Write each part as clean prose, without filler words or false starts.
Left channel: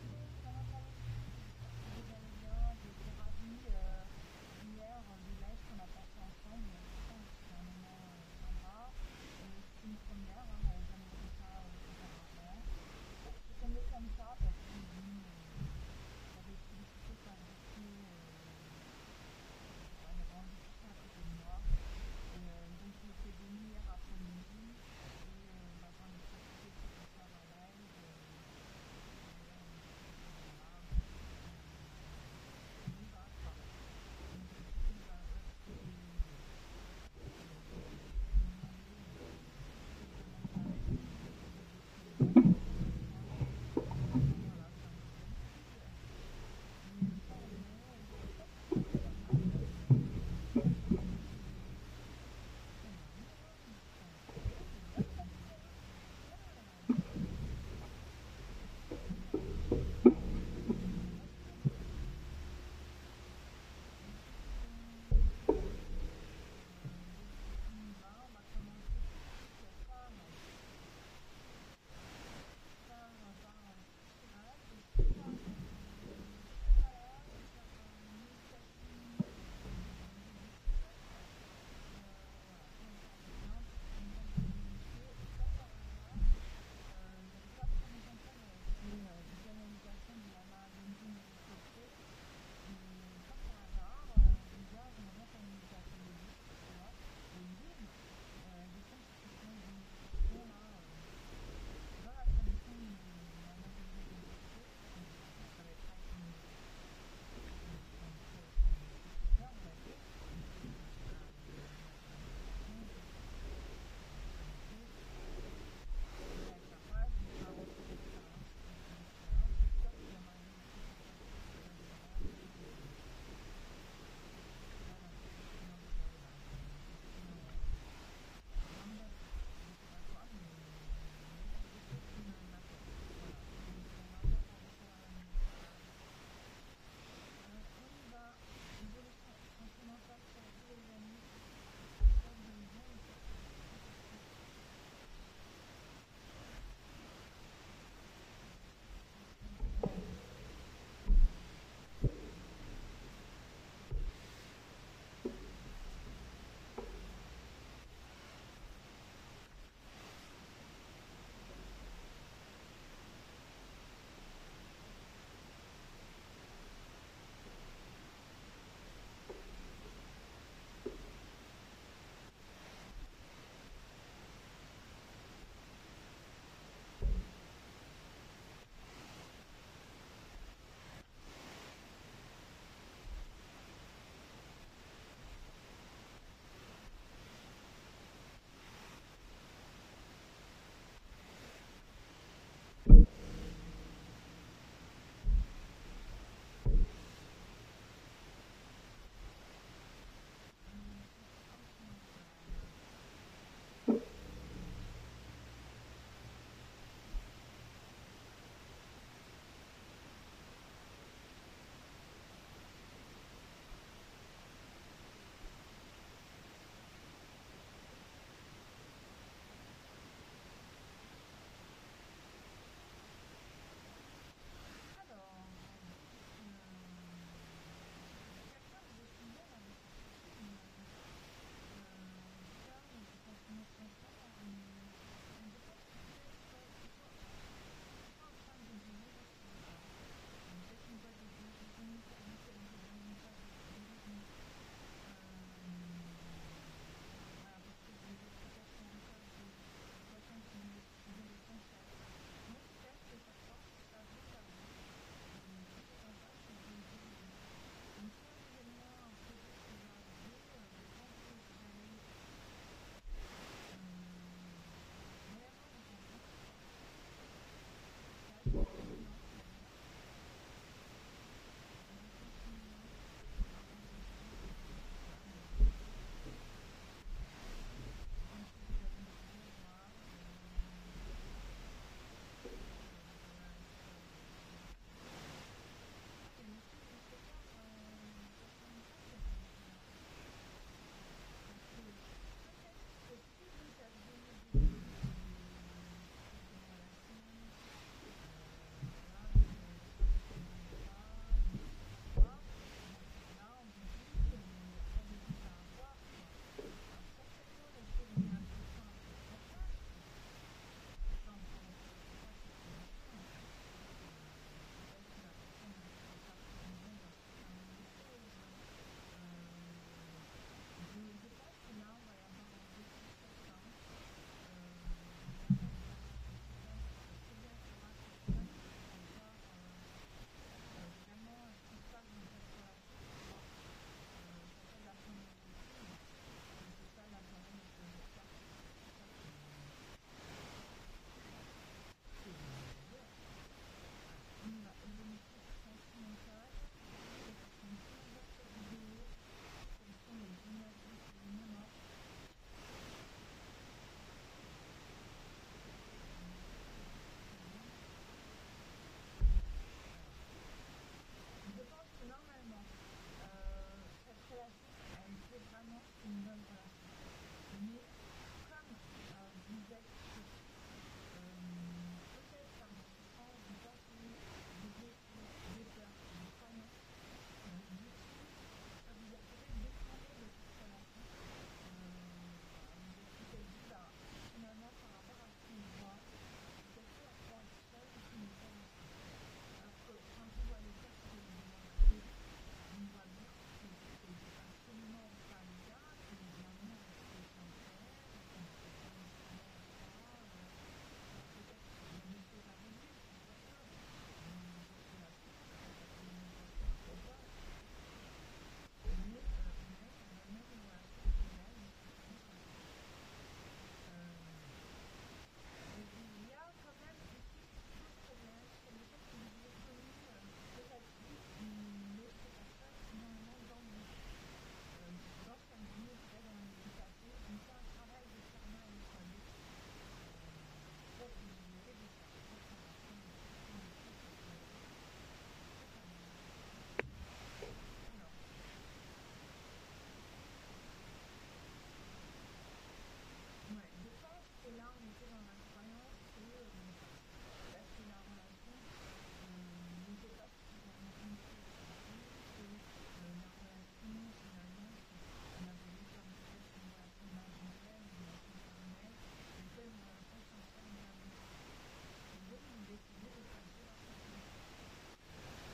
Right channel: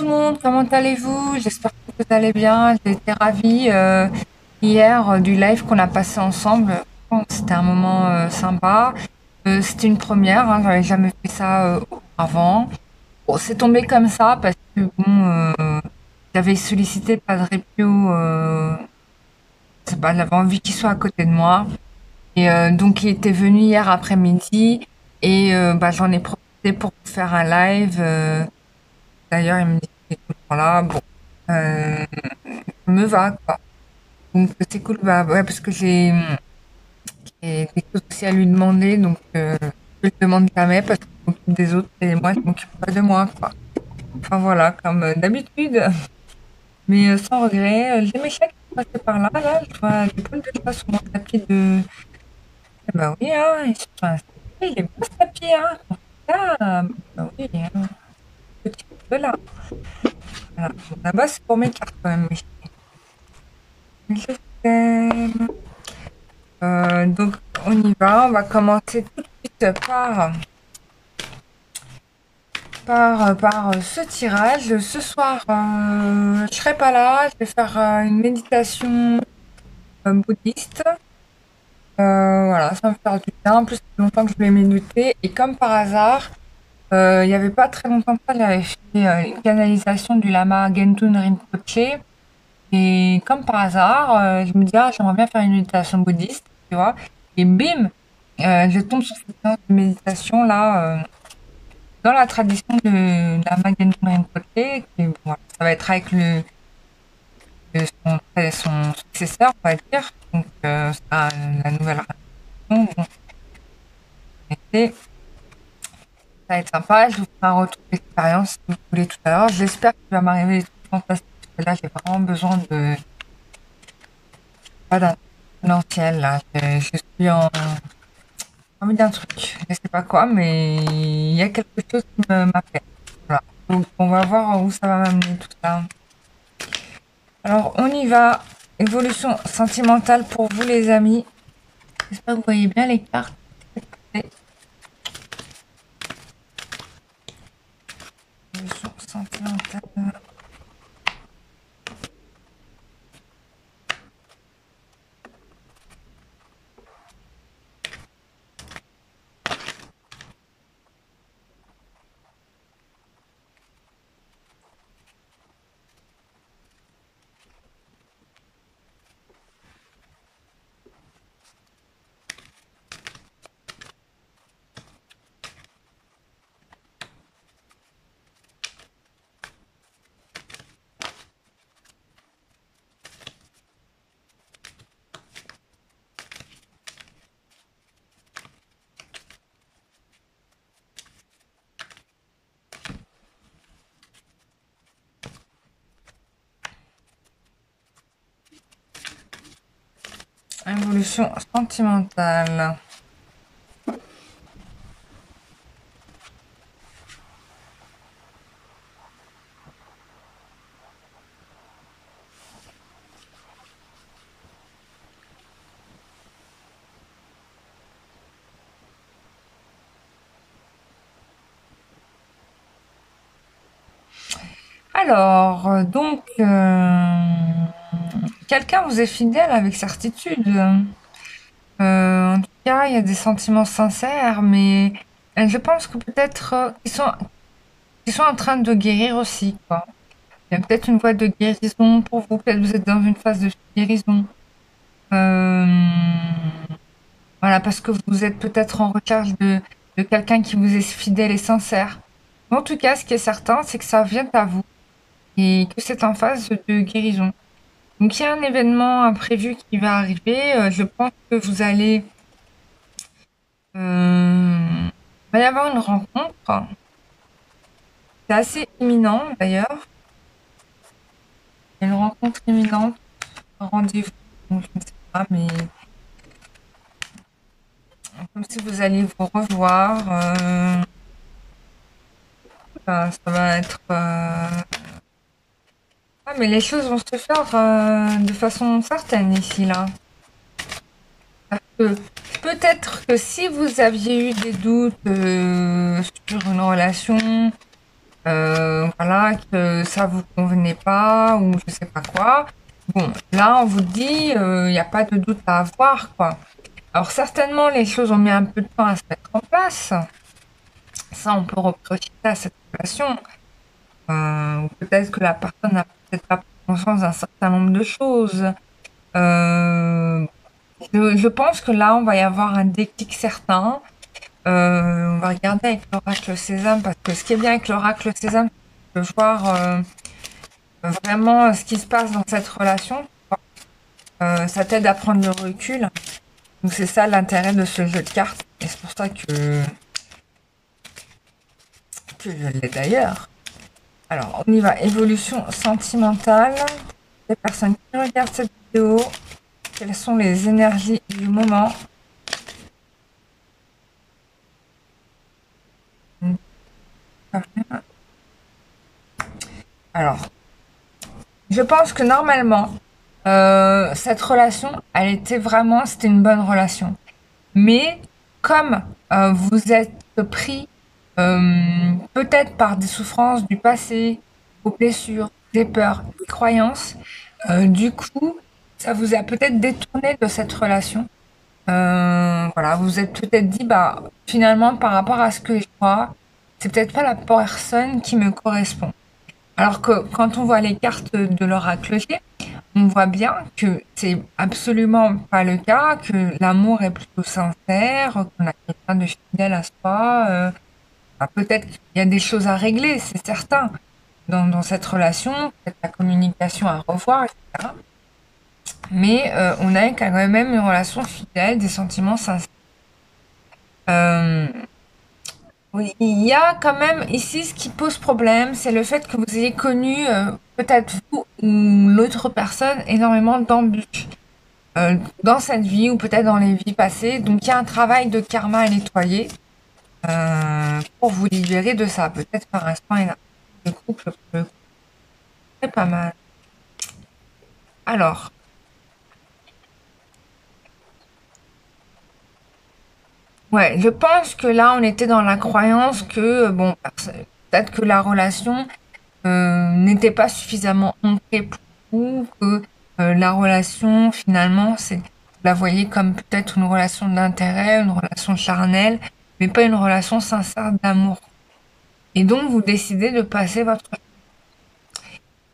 tout le monde, comment allez-vous? J'espère que vous allez bien. J'ai été ravie hier du live qu'on a passé ensemble. Bon, c'était un moment sympa. C'était une première, hein, j'avais jamais fait ça auparavant. Bon, c'est tombé comme ça parce que bon, j'avais sollicité Padre Pio, je sais pas, j'avais envie qu'il soit à côté de moi. Et donc il était venu hier après-midi et bah, j'en ai profité pour faire un live. D'ailleurs, il me dit qu'il est tout le temps là. Bon, euh, ça me va, quoi. Donc, c'est cool, bah, ouais, parce que j'ai des choses aussi à lui demander, donc je le demande jamais parce que je m'occupe des autres et moi, je m'occupe pas de moi, quoi. Enfin, voilà, comme d'habitude. Mais sans regret, j'ai mes chats qui sont passés par là, là. Je vois des poils de chat sur mon tapis de. Eh bah oui, hein, ils se sont installés. Il est beau ce tapis, hein. Ah, bah oui, hein. Petit peu là. Voilà. Bon, là-bas, c'est pour mes cartes quand même, mes chats. Je t'aime. Donc, on y va. On va commencer tout de suite par ce tirage. Ce soir, je serai pas là. Je vais faire une méditation bouddhiste. Voilà, ça va me faire du bien. En plus, ça fait longtemps que je l'ai médité. Et comme par hasard, il n'y avait pas très longtemps que ça, j'avais fait une canalisation du lama Gentun Rinpoche. Et comme par hasard, je me dis, ah, j'aimerais bien faire une méditation bouddhiste, tu vois. Et bim, je tombe sur cette séance de méditation là, dans la tradition de la Magen Rinpoche. Et bon, ça va être avec son successeur, on va dire. Donc, ça, la nouvelle tradition. Bon, et ça va être sympa. Je vous ferai un retour d'expérience si vous voulez tout à l'heure. J'espère qu'il va m'arriver des trucs fantastiques. Parce que là, j'ai vraiment besoin de. Pas d'un potentiel là. Je suis en envie d'un truc. Je sais pas quoi, mais il y a quelque chose qui m'appelle. Voilà. Donc on va voir où ça va m'amener tout ça. Alors on y va. Évolution sentimentale pour vous les amis. J'espère que vous voyez bien les cartes. Évolution sentimentale. Évolution sentimentale. Alors, quelqu'un vous est fidèle avec certitude. En tout cas, il y a des sentiments sincères, mais je pense que peut-être qu'ils sont en train de guérir aussi, quoi. Il y a peut-être une voie de guérison pour vous, peut-être vous êtes dans une phase de guérison. Euh, voilà, parce que vous êtes peut-être en recherche de quelqu'un qui vous est fidèle et sincère. Mais en tout cas, ce qui est certain, c'est que ça vient à vous et que c'est en phase de guérison. Donc, il y a un événement imprévu qui va arriver. Je pense que vous allez... il va y avoir une rencontre. C'est assez imminent, d'ailleurs. Il y a une rencontre imminente, un rendez-vous. Donc, je ne sais pas, mais comme si vous alliez vous revoir. Ça va être... Ah, mais les choses vont se faire de façon certaine ici, là. Parce que peut-être que si vous aviez eu des doutes sur une relation, voilà, que ça vous convenait pas ou je sais pas quoi. Bon, là, on vous dit, il n'y a pas de doute à avoir, quoi. Alors, certainement, les choses ont mis un peu de temps à se mettre en place. Ça, on peut reprocher ça à cette relation. Ou peut-être que la personne n'a peut-être pas pris conscience d'un certain nombre de choses. Euh, je pense que là, on va y avoir un déclic certain. On va regarder avec l'oracle Sésame, parce que ce qui est bien avec l'oracle Sésame, c'est de voir vraiment ce qui se passe dans cette relation. Ça t'aide à prendre le recul. Donc c'est ça l'intérêt de ce jeu de cartes. Et c'est pour ça que je l'ai d'ailleurs. Alors, on y va. Évolution sentimentale. Les personnes qui regardent cette vidéo, quelles sont les énergies du moment? Alors, je pense que normalement, cette relation, c'était une bonne relation. Mais comme vous êtes pris peut-être par des souffrances du passé, vos blessures, des peurs, des croyances, du coup, ça vous a peut-être détourné de cette relation. Voilà, vous vous êtes peut-être dit, bah, finalement, par rapport à ce que je vois, c'est peut-être pas la personne qui me correspond. Alors que quand on voit les cartes de l'oracle, on voit bien que c'est absolument pas le cas, que l'amour est plutôt sincère, qu'on a quelqu'un de fidèle à soi. Bah, peut-être qu'il y a des choses à régler, c'est certain, dans cette relation, peut-être la communication à revoir, etc. Mais on a quand même une relation fidèle, des sentiments sincères. Euh, Oui, il y a quand même ici ce qui pose problème, c'est le fait que vous ayez connu, peut-être vous ou l'autre personne, énormément d'embûches dans cette vie ou peut-être dans les vies passées. Donc il y a un travail de karma à nettoyer pour vous libérer de ça. Peut-être par un soin énergétique de couple, pour le coup, c'est pas mal. Alors, ouais, je pense que là on était dans la croyance que, bon, peut-être que la relation n'était pas suffisamment ancrée pour vous, que la relation, finalement, vous la voyez comme peut-être une relation d'intérêt, une relation charnelle, mais pas une relation sincère d'amour. Et donc, vous décidez de passer votre...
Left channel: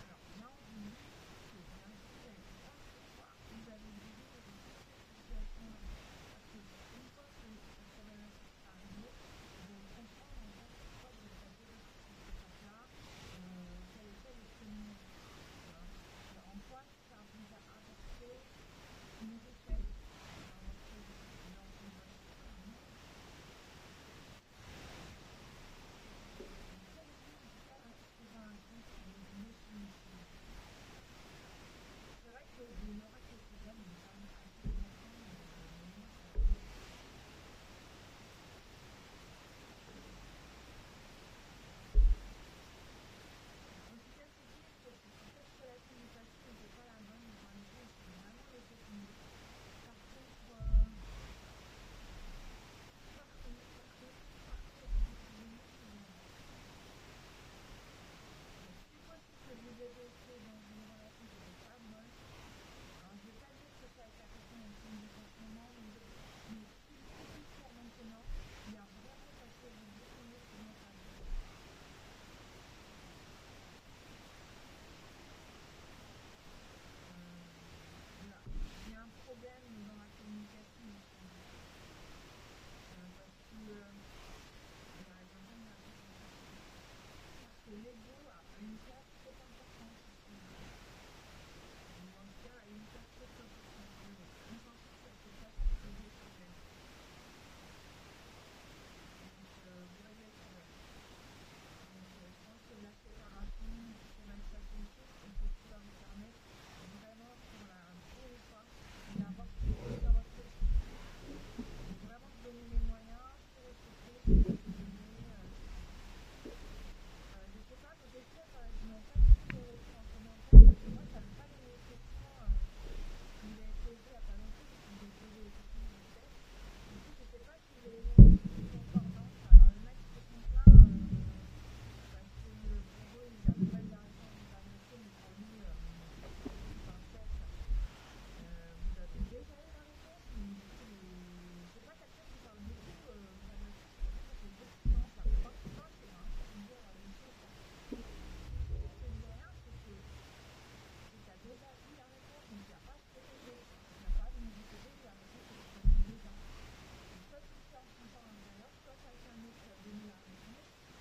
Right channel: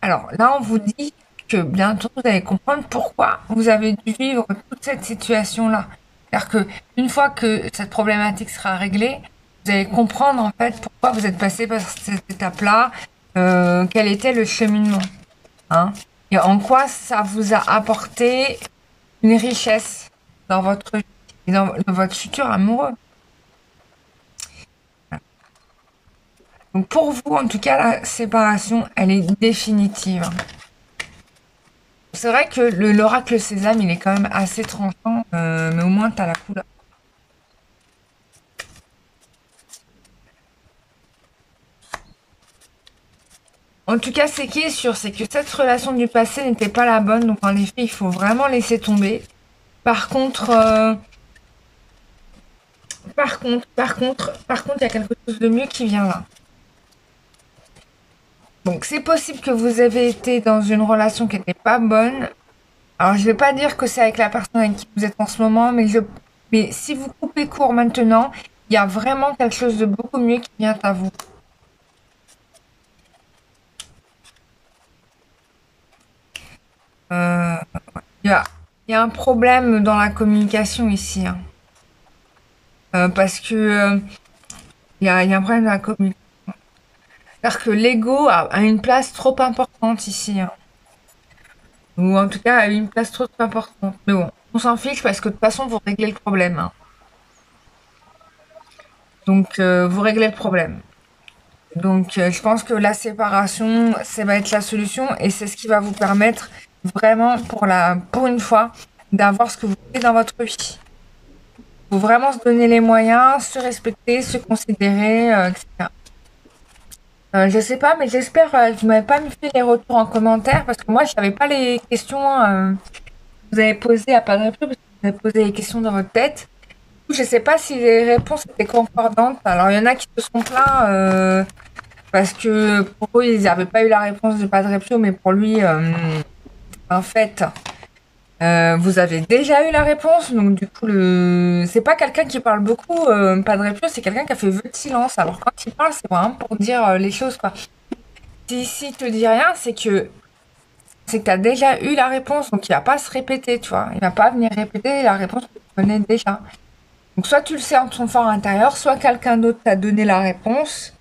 Alors là, on vous dit que bientôt, vous allez comprendre pourquoi vous avez dû vivre toute cette situation-là. C'est-à-dire que une fois que cette problématique sera réglée, vous allez comprendre en fait pourquoi vous êtes passé par cette étape-là, quel était le cheminement. Hein, et en quoi ça vous a apporté une richesse dans votre vie et dans votre futur amoureux. Donc pour vous, en tout cas, la séparation, elle est définitive. C'est vrai que l'oracle Sésame, il est quand même assez tranchant, mais au moins, tu as la couleur. En tout cas, ce qui est sûr, c'est que cette relation du passé n'était pas la bonne, donc en effet, il faut vraiment laisser tomber. Par contre, il y a quelque chose de mieux qui vient là. Donc c'est possible que vous avez été dans une relation qui n'était pas bonne. Alors je vais pas dire que c'est avec la personne avec qui vous êtes en ce moment, mais si vous coupez court maintenant, il y a vraiment quelque chose de beaucoup mieux qui vient à vous. Euh, il y a, il y a un problème dans la communication ici, hein. Parce que il y a un problème dans la communication. C'est-à-dire que l'ego a une place trop importante ici, hein. Ou en tout cas a une place trop importante. Mais bon, on s'en fiche parce que de toute façon vous réglez le problème, hein. Donc, vous réglez le problème. Donc, je pense que la séparation, ça va être la solution et c'est ce qui va vous permettre vraiment, pour une fois, d'avoir ce que vous voulez dans votre vie. Il faut vraiment se donner les moyens, se respecter, se considérer, etc. Je sais pas, mais j'espère que vous m'avez pas mis fait les retours en commentaire parce que moi, je savais pas les questions que vous avez posées à pas de réponse parce que vous avez posé les questions dans votre tête. Du coup, je sais pas si les réponses étaient concordantes. Alors, il y en a qui se sont plaints. Parce que pour eux, ils n'avaient pas eu la réponse de Padre Pio, mais pour lui, en fait, vous avez déjà eu la réponse. Donc du coup, c'est pas quelqu'un qui parle beaucoup, Padre Pio, c'est quelqu'un qui a fait vœu de silence. Alors quand il parle, c'est vraiment pour dire les choses, quoi. Si te dit rien, c'est que tu as déjà eu la réponse, donc il va pas se répéter, tu vois. Il va pas venir répéter la réponse que tu connais déjà. Donc soit tu le sais en ton fort intérieur, soit quelqu'un d'autre t'a donné la réponse.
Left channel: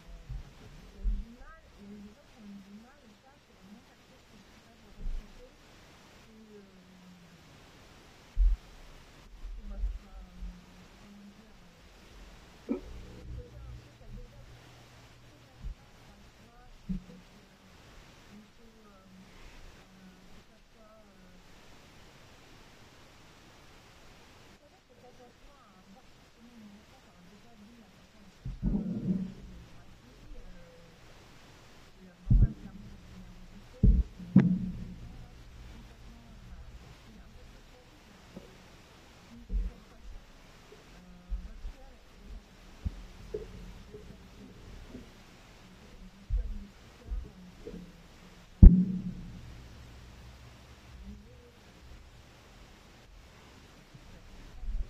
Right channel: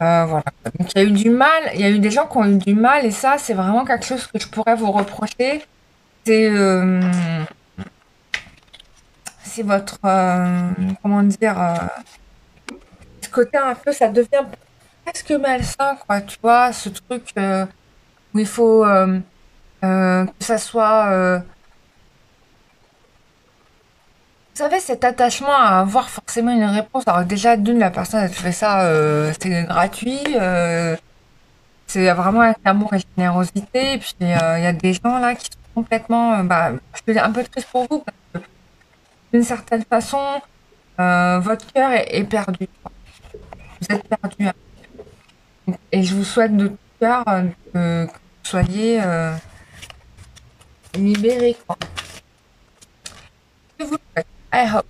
Voilà. Donc il y a eu du mal, il y a eu des gens qui ont eu du mal, et ça, c'est vraiment quelque chose que je pourrais vous reprocher. C'est c'est votre, comment dire, ce côté un peu, ça devient presque malsain, quoi, tu vois, ce truc où il faut que ça soit vous savez, cet attachement à avoir forcément une réponse. Alors déjà, d'une, la personne, elle te fait ça, c'est gratuit. C'est vraiment avec amour et générosité. Et puis, il y a des gens là qui sont complètement... bah, je suis un peu triste pour vous, parce que d'une certaine façon, votre cœur est perdu. Vous êtes perdu. Et je vous souhaite de tout cœur que vous soyez libérés, quoi. Je vous le souhaite. I hope.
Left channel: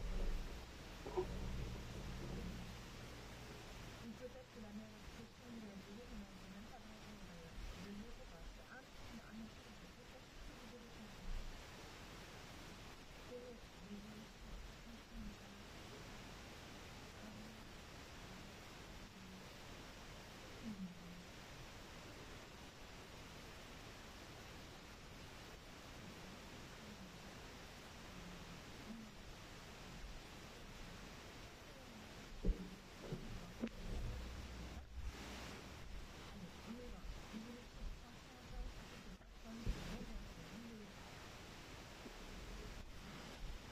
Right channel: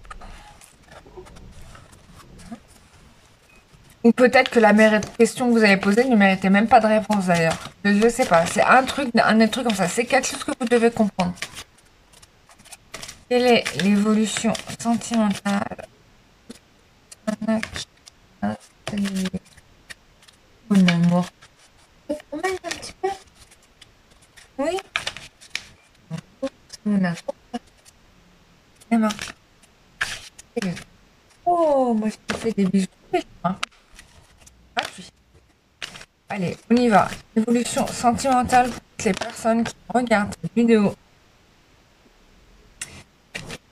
Ou peut-être que la question que vous avez posée ne méritait même pas de réponse d'ailleurs. Je sais pas. C'est un des trucs comme ça. C'est quelque chose que vous devez comprendre. Quelle est l'évolution sentimentale mon amour? Mon un petit peu. Oui. Mon amour. Emma. Oh, moi je te fais des bisous. Hein. Gratuit. Allez, on y va. Évolution sentimentale pour toutes les personnes qui regardent cette vidéo.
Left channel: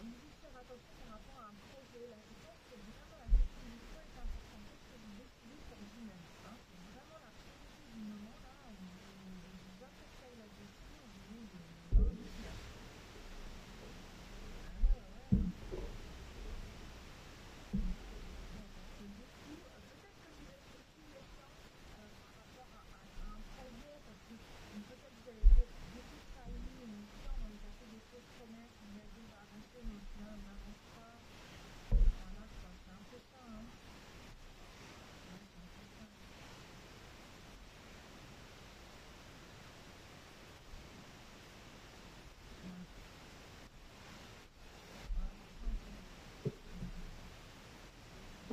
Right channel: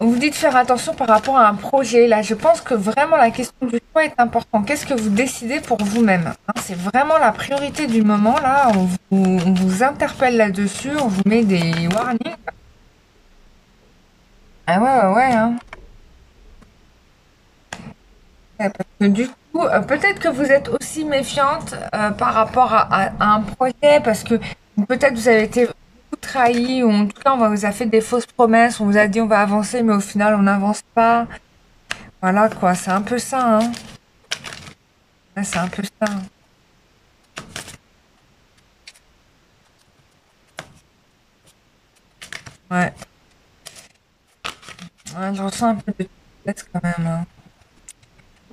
On vous dit de faire attention par rapport à un projet. Là, je pense que vraiment la question du choix est importante. Qu'est-ce que vous décidez pour vous-même, hein? C'est vraiment la priorité du moment. Là, on vous interpelle là-dessus. On vous met des warnings. Ah ouais, ouais, ouais, hein. Ouais, parce que du coup, peut-être que vous êtes aussi méfiante par rapport à un projet. Parce que peut-être vous avez été beaucoup trahi. Ou en tout cas, on vous a fait des fausses promesses. On vous a dit on va avancer, mais au final, on n'avance pas. Voilà, quoi. C'est un peu ça, hein. Ouais, c'est un peu ça. Ouais. Ouais, je ressens un peu de tristesse quand même, hein.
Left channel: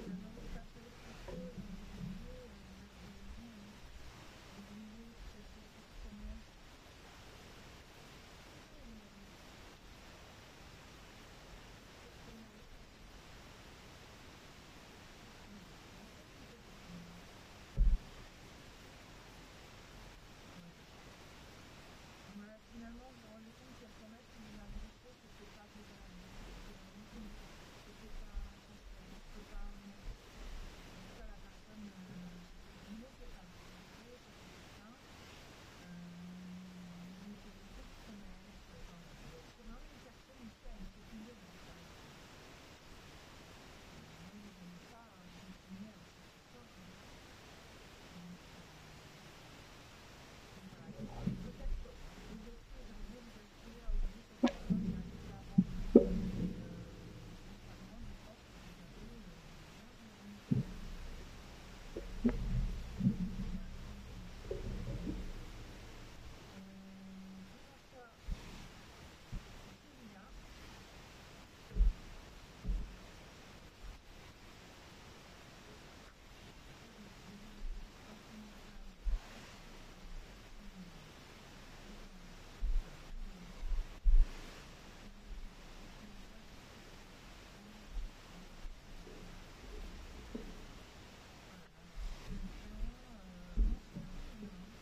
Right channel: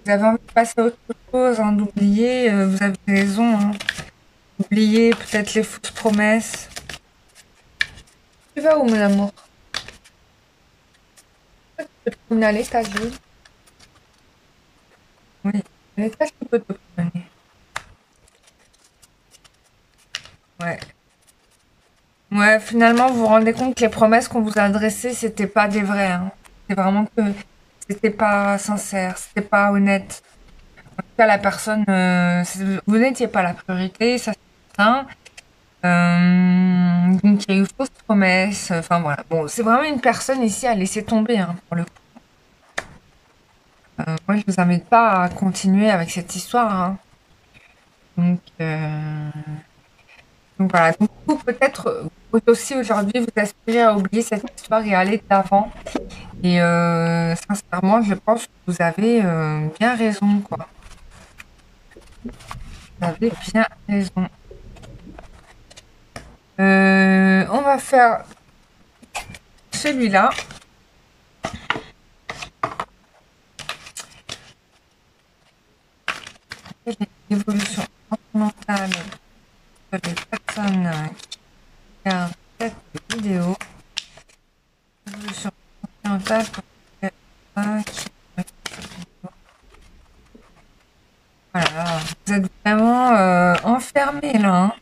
Vous avez envie de passer à autre chose, hein, d'oublier, vous avez raison, hein. Oublier peut-être les fausses promesses. Tu vas où, mon amour? Tu peux te promener à l'étage, oui. Oui, à l'étage, tu peux te promener. Ouais. Ouais, finalement, vous vous rendez compte que les promesses qu'on vous a adressées, c'était pas des vraies, hein. C'est vraiment que c'était pas sincère, c'était pas honnête. En tout cas, la personne, vous n'étiez pas la priorité, ça c'est certain. Donc il y a eu fausse promesse. Enfin voilà. Bon, c'est vraiment une personne ici à laisser tomber, hein, pour le coup. Moi, je vous invite pas à continuer avec cette histoire, hein. Donc, donc voilà. Donc vous, peut-être, vous aussi aujourd'hui, vous aspirez à oublier cette histoire et à aller de l'avant. Et sincèrement, je pense que vous avez bien raison, quoi. Vous avez bien raison. On va faire celui-là. L'évolution sentimentale les personnes qui regardent cette vidéo. Évolution sentimentale pour les personnes qui regardent cette vidéo. Voilà, vous êtes vraiment enfermés là, hein.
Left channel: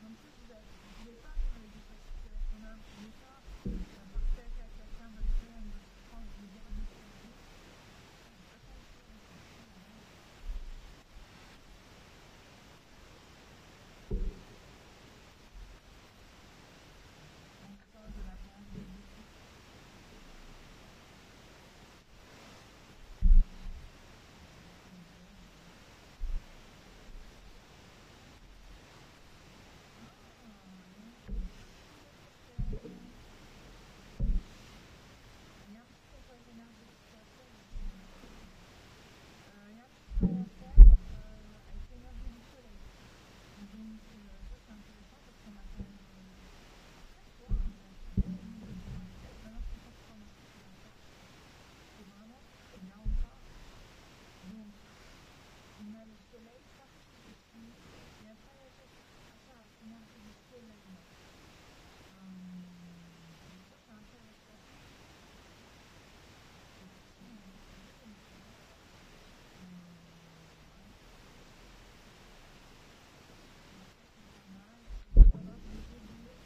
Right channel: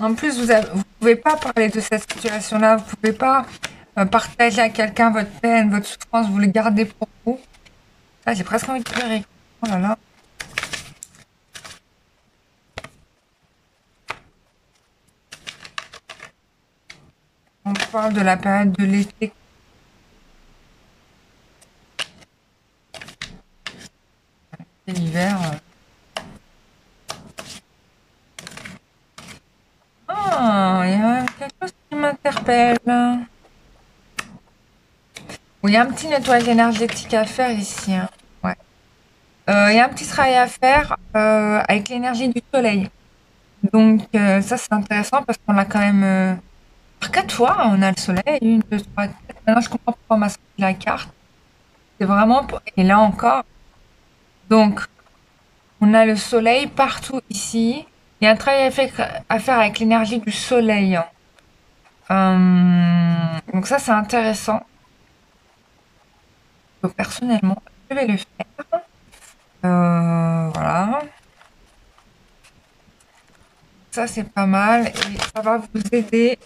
En plus, vous pouvez pas parler de cette situation-là, vous pouvez pas partager à quelqu'un votre peine, votre souffrance, vous le gardez pour vous. Là, j'ai presque envie de pleurer. Oh là là. On parle de la période de l'été et l'hiver. rappelle. Bon, il y a un petit nettoyage énergétique à faire ici, hein. Ouais. Il y a un petit travail à faire avec l'énergie du soleil. Donc ça c'est intéressant parce qu'on a quand même par 4 fois on a le soleil, une, deux, trois, quatre. Maintenant je comprends pourquoi on m'a sorti la carte. C'est vraiment et là encore. Donc on a le soleil partout ici. Il y a un travail à faire avec l'énergie du soleil. Donc ça c'est intéressant. Donc, personnellement, je vais le faire. Voilà. Ça c'est pas mal et ça va vous aider.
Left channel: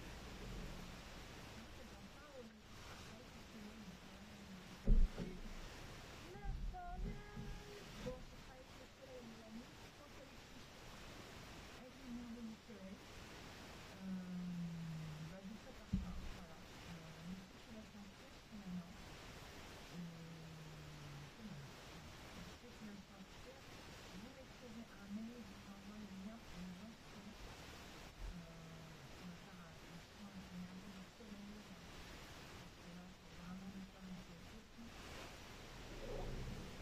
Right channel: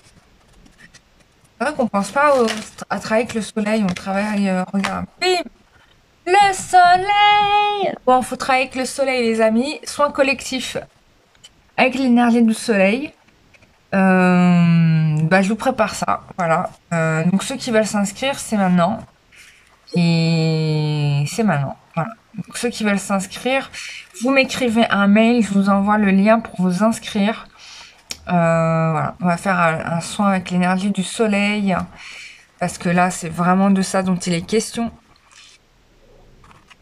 C'est vrai qu'on pense pas à travailler avec le soleil, on travaille, regarde, bim, le soleil! Bon, faut travailler avec le soleil, les amis. Soin collectif avec l'énergie du soleil. Bah, je vous prépare ça, voilà. Donc ceux qui veulent s'inscrire, c'est maintenant. Et c'est maintenant, voilà. Donc ceux qui veulent s'inscrire, vous m'écrivez un mail, je vous envoie le lien pour vous inscrire. Voilà, on va faire un soin avec l'énergie du soleil. Parce que là, c'est vraiment de ça dont il est question.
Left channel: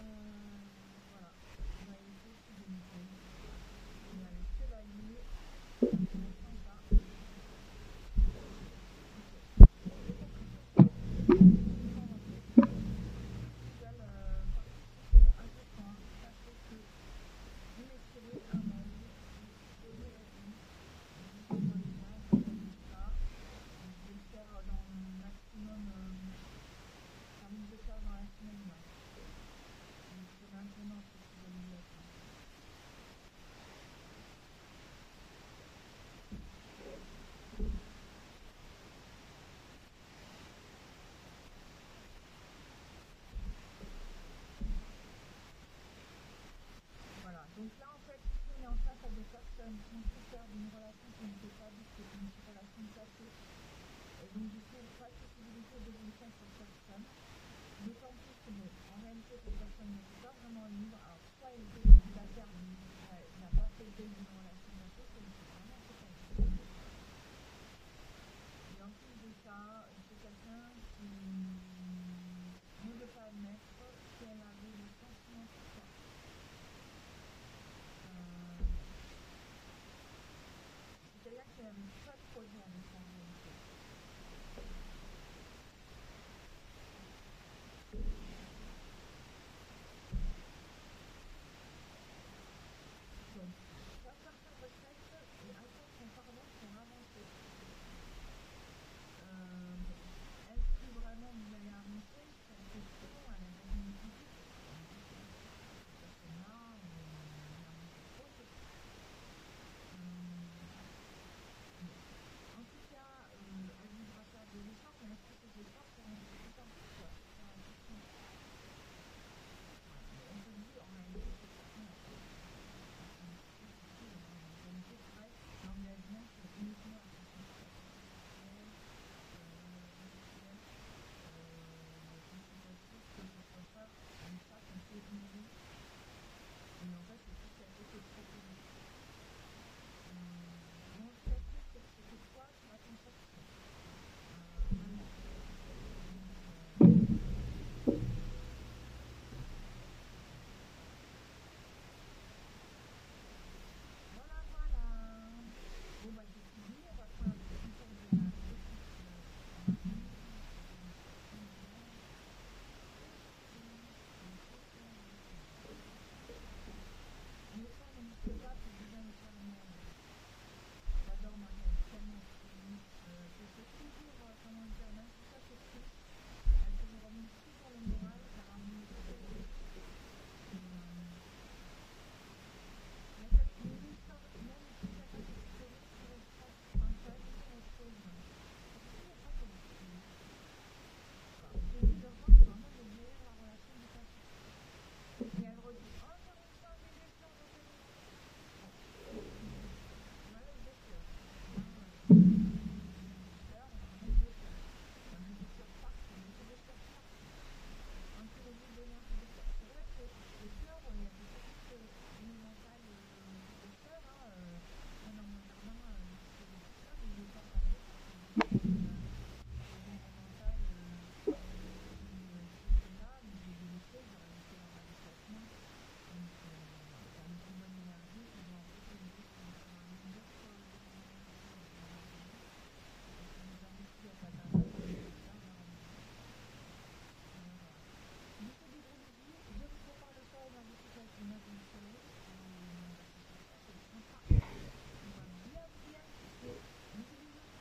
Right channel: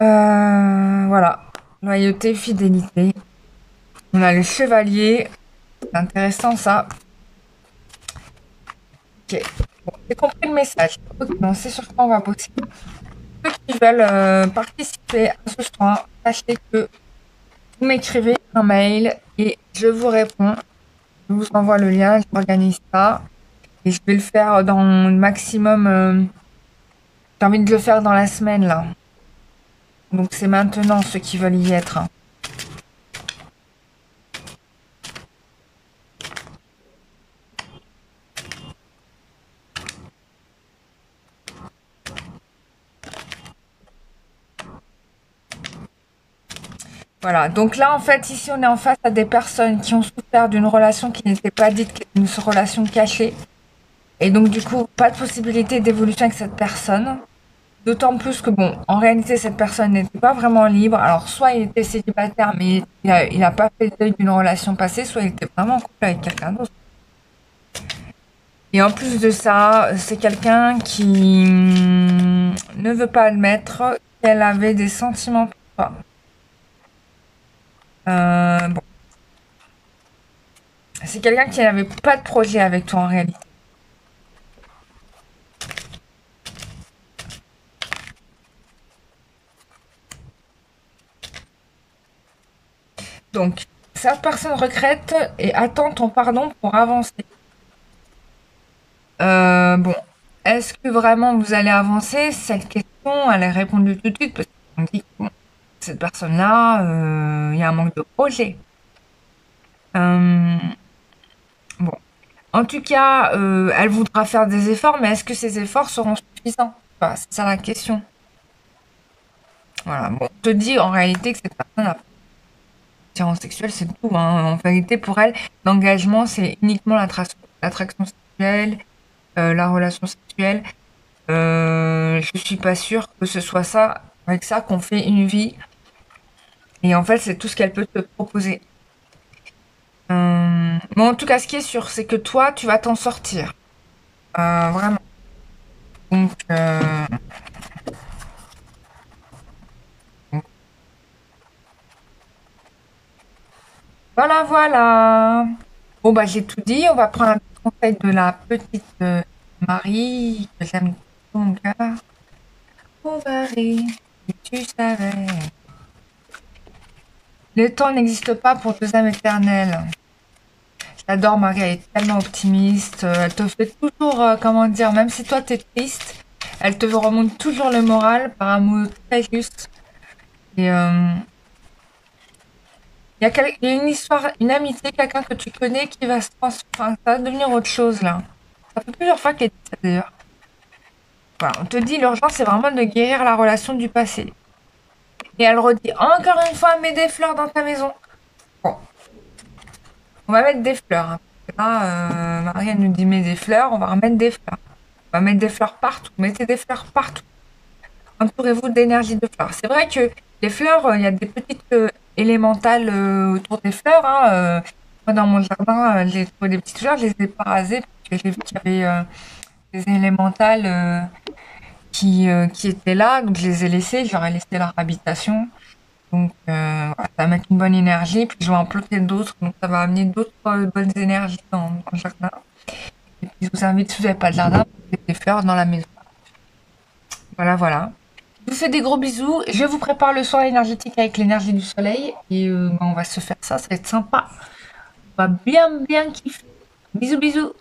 Voilà. Loyauté, fidélité. On a le chevalier. C'est intéressant ça. Ok. Bon, j'ai compris le message. Ok, on sait sur quoi on va bosser. Ceux qui veulent participer à ce soin, sachez que vous m'écrivez un mail et je vous réponds. Je vous envoie le lien, j'organise ça. Et je vais le faire dans le maximum. J'ai envie de le faire dans la semaine là. Donc c'est maintenant ceux qui veulent y être. Voilà, donc là en fait ici on est en face à des personnes qui ont souffert d'une relation qui n'était pas dite, qui est une relation cachée. Et donc du coup pas de possibilité d'évolution avec cette personne. D'autant plus que bon, en réalité cette personne n'était pas vraiment libre. Alors soit il était célibataire mais il a pas fait le deuil d'une relation passée, soit il était vraiment en couple avec quelqu'un d'autre. Et en plus de ça, c'est quelqu'un qui ne veut pas admettre qu'elle avait des sentiments pour toi. Bon, c'est quelqu'un qui n'avait pas de projet avec toi en réalité. Donc, cette personne regrette et attend ton pardon pour avancer. Bon, est-ce que vraiment vous allez avancer? Cette question, elle est répondue tout de suite parce qu'on dit que bon, cette personne-là, il y a un manque de projet. Euh, bon, en tout cas, elle voudra faire des efforts, mais est-ce que ces efforts seront suffisants? Enfin, c'est ça la question. Voilà, bon, je te dis en réalité que cette personne a attirance sexuelle, c'est tout, hein. En vérité, pour elle, l'engagement, c'est uniquement l'attraction sexuelle, la relation sexuelle. Je suis pas sûre que ce soit ça, avec ça, qu'on fait une vie. Et en fait, c'est tout ce qu'elle peut te proposer. Mais en tout cas, ce qui est sûr, c'est que toi, tu vas t'en sortir. Vraiment. Donc, voilà, voilà. Bon, bah, j'ai tout dit. On va prendre un petit conseil de la petite Marie, que j'aime tout mon cœur. Oh, Marie, si tu savais. Le temps n'existe pas pour deux âmes éternelles. J'adore Marie, elle est tellement optimiste. Elle te fait toujours, comment dire, même si toi t'es triste, elle te remonte toujours le moral par un mot très juste. Et il y a une histoire, une amitié, quelqu'un que tu connais qui va se transformer, ça va devenir autre chose là. Ça fait plusieurs fois qu'elle dit ça d'ailleurs. Voilà, on te dit l'urgence c'est vraiment de guérir la relation du passé. Et elle redit encore une fois, mets des fleurs dans ta maison. Bon, on va mettre des fleurs, hein. Là, Marie elle nous dit mets des fleurs, on va remettre des fleurs. On va mettre des fleurs partout. Mettez des fleurs partout. Entourez-vous d'énergie de fleurs. C'est vrai que les fleurs, il y a des petites élémentales autour des fleurs, hein. Moi, dans mon jardin, j'ai trouvé des petites fleurs, je les ai pas rasées parce que j'ai vu qu'il y avait des élémentales qui étaient là, donc je les ai laissées, je leur ai laissé leur habitation. Donc, voilà, ça va mettre une bonne énergie, puis je vais en planter d'autres, donc ça va amener d'autres bonnes énergies dans le jardin. Et puis, je vous invite, si vous n'avez pas de jardin, à planter des fleurs dans la maison. Voilà, voilà. Je vous fais des gros bisous. Je vous prépare le soin énergétique avec l'énergie du soleil. Et on va se faire ça, ça va être sympa. On va bien, bien kiffer. Bisous, bisous.